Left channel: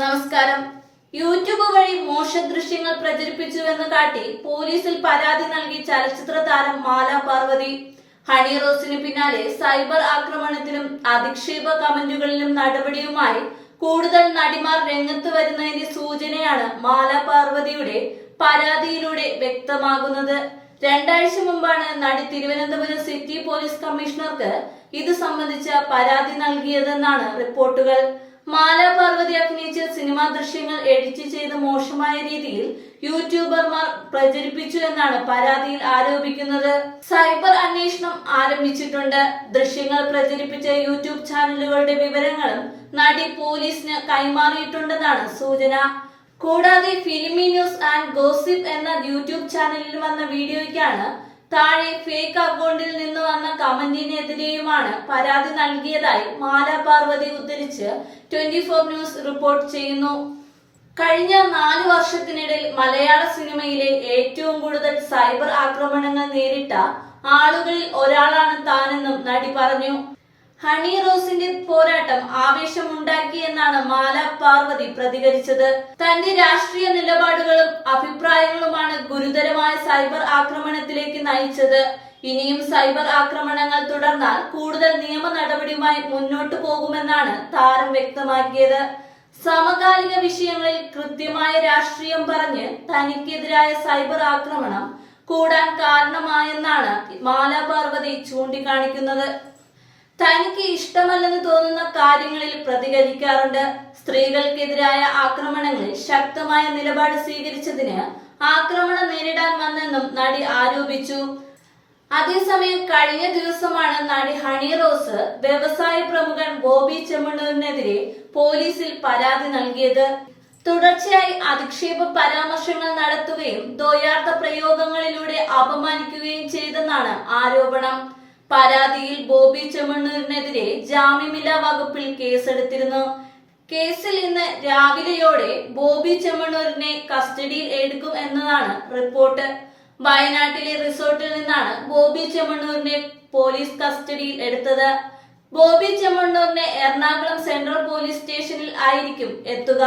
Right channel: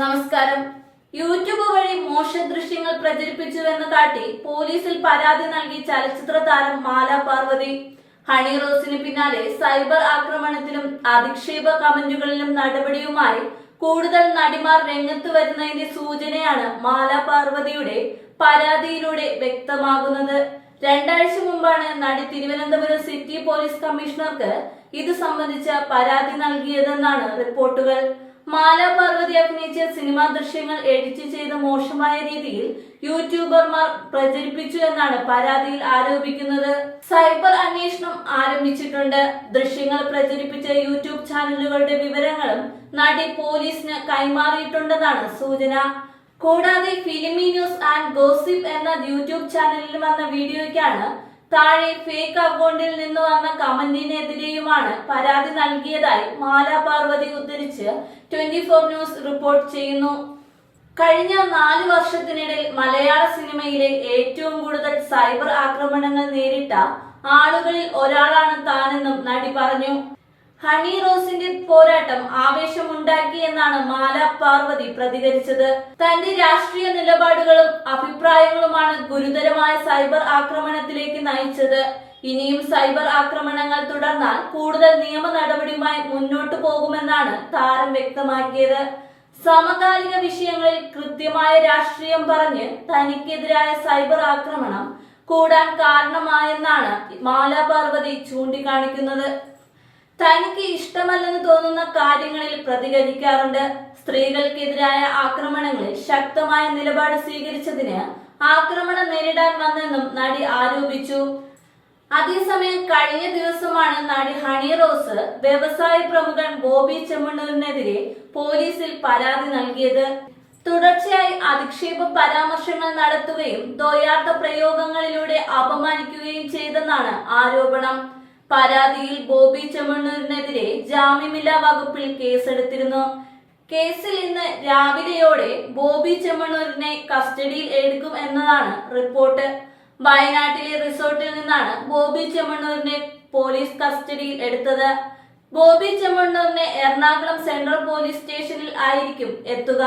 നമസ്കാരം. യൂട്യൂബ് വഴി മോശ ദൃശ്യങ്ങൾ പ്രചരിപ്പിച്ചുവെന്ന് കാട്ടി പോലീസിൽ പരാതി നൽകി ചലച്ചിത്ര താരം മാല പാർവതി. ഹണി റോസിന് പിന്നാലെ സൈബർ ആക്രമണത്തിലും അധിക്ഷേപ കമന്റുകളിലും നടപടിയുമായി കൂടുതൽ നടിമാർ രംഗത്ത് വരുന്നതിന്റെ സൂചനയാണ് മാല പാർവതിയുടെ പരാതിയിലൂടെ വ്യക്തമാകുന്നത്. രണ്ടാഴ്ച മുമ്പാണ് നടി തിരുവനന്തപുരം സിറ്റി പോലീസ് കമ്മീഷണർക്ക് ഇത് സംബന്ധിച്ച പരാതി നൽകിയതെന്നാണ് റിപ്പോർട്ടുകൾ. മാല പാർവതി അഭിനയിച്ച സിനിമാ ദൃശ്യങ്ങൾ എഡിറ്റ് ചെയ്ത് മോശമായ രീതിയിൽ യൂട്യൂബർമാർ പ്രചരിപ്പിച്ചു എന്നാണ് പരാതിയിൽ ആരോപിക്കുന്നത്. സൈബർ അന്വേഷണം ആരംഭിച്ചിട്ടുണ്ട്. ദൃശ്യങ്ങൾ പ്രചരിപ്പിച്ച യൂട്യൂബ് ചാനലുകളുടെ വിവരങ്ങളും നടി പോലീസിന് കൈമാറിയിട്ടുണ്ടെന്നാണ് സൂചന. കൂടാതെ ഫിലിമി ന്യൂസ് ആൻഡ് ഗോസിപ്പ് എന്ന യൂട്യൂബ് ചാനലിൽ വന്ന വീഡിയോയ്ക്കാണ് താഴെ ഫേക്ക് അക്കൗണ്ടിൽ നിന്ന് വന്ന കമന്റിനെതിരെയുമാണ് പരാതി നൽകിയതായി മാല പാർവതി ഉദ്ധരിച്ച് 24 ന്യൂസ് റിപ്പോർട്ട് ചെയ്യുന്നു. കഴിഞ്ഞ 4 വർഷത്തിനിടയിൽ മലയാള സിനിമയിലെ ഏറ്റവും കൂടുതൽ സൈബർ ആക്രമണങ്ങൾ നേരിട്ട ആളുകളിൽ ഒരാളാണ് താനെന്നും നടി പറഞ്ഞു. ഹണി റോസിന്റെ പോരാട്ടം ആവേശമുണ്ടാക്കിയെന്നാണ് മാല പാർവതി പ്രതികരിച്ചത്. തന്റെ രാഷ്ട്രീയ നിലപാടുകളും അഭിപ്രായങ്ങളുമാണ് ഗുരുതരമായ സൈബർ ആക്രമണത്തിലേക്ക് നയിച്ചത്. ഇനിയും സൈബർ ആക്രമണങ്ങൾ തുടർന്നാൽ കൂടുതൽ നിയമ നടപടിയുമായി മുന്നോട്ടു പോകുമെന്നാണ് താരം വ്യക്തമാക്കിയത്. സമകാലിക വിഷയങ്ങളിൽ കൃത്യമായ രാഷ്ട്രീയം പറഞ്ഞ് തനിക്കെതിരായ സൈബർ ആക്രമണം കൂടാൻ കാരണമായെന്നാണ് മാല പാർവതി ചൂണ്ടിക്കാണിക്കുന്നത്. തനിക്ക് ഇഷ്ടമല്ലെന്ന് തോന്നുന്ന കാര്യങ്ങളിൽ പ്രതികരിക്കാറുണ്ട്. സ്ത്രീകൾക്കെതിരായ ആക്രമണങ്ങളിൽ ശക്തമായ നിലപാട് സ്വീകരിച്ചതിന് ആക്രമണം നേരിടാൻ വന്നെന്നും നടി ആരോപിച്ചു. അതേസമയം കഴിഞ്ഞ ദിവസമാണ് നടി ഹണി റോസ് വ്യവസായ പ്രമുഖൻ ബോബി ചെമ്മണ്ണൂരിനെതിരെ പോലീസിൽ പരാതി നൽകിയത്. തുടർച്ചയായി അധിക്ഷേപ പരാമർശങ്ങൾ നടത്തുകയും ദ്വയാർത്ഥ പ്രയോഗങ്ങളിലൂടെ അപമാനിക്കുകയും ചെയ്തെന്നാണ് ആരോപണം. പരാതിയിൽ ബോബി ചെമ്മണ്ണൂരിനെതിരെ ജാമ്യമില്ലാ വകുപ്പിൽ കേസെടുത്തിരുന്നു. കേസിൽ ഇന്ന് രാവിലെയോടെ ബോബി ചെമ്മണ്ണൂരിനെ കസ്റ്റഡിയിൽ എടുക്കും എന്നതാണ് റിപ്പോർട്ട്. വയനാട്ടിലെ റിസോർട്ടിൽ നിന്നാണ് ബോബി ചെമ്മണ്ണൂരിനെ പോലീസ് കസ്റ്റഡിയിൽ എടുത്തത്. ബോബി ചെമ്മണ്ണൂരിനെ എറണാകുളം സെൻട്രൽ പോലീസ് സ്റ്റേഷനിൽ ആയിരിക്കും എത്തുക.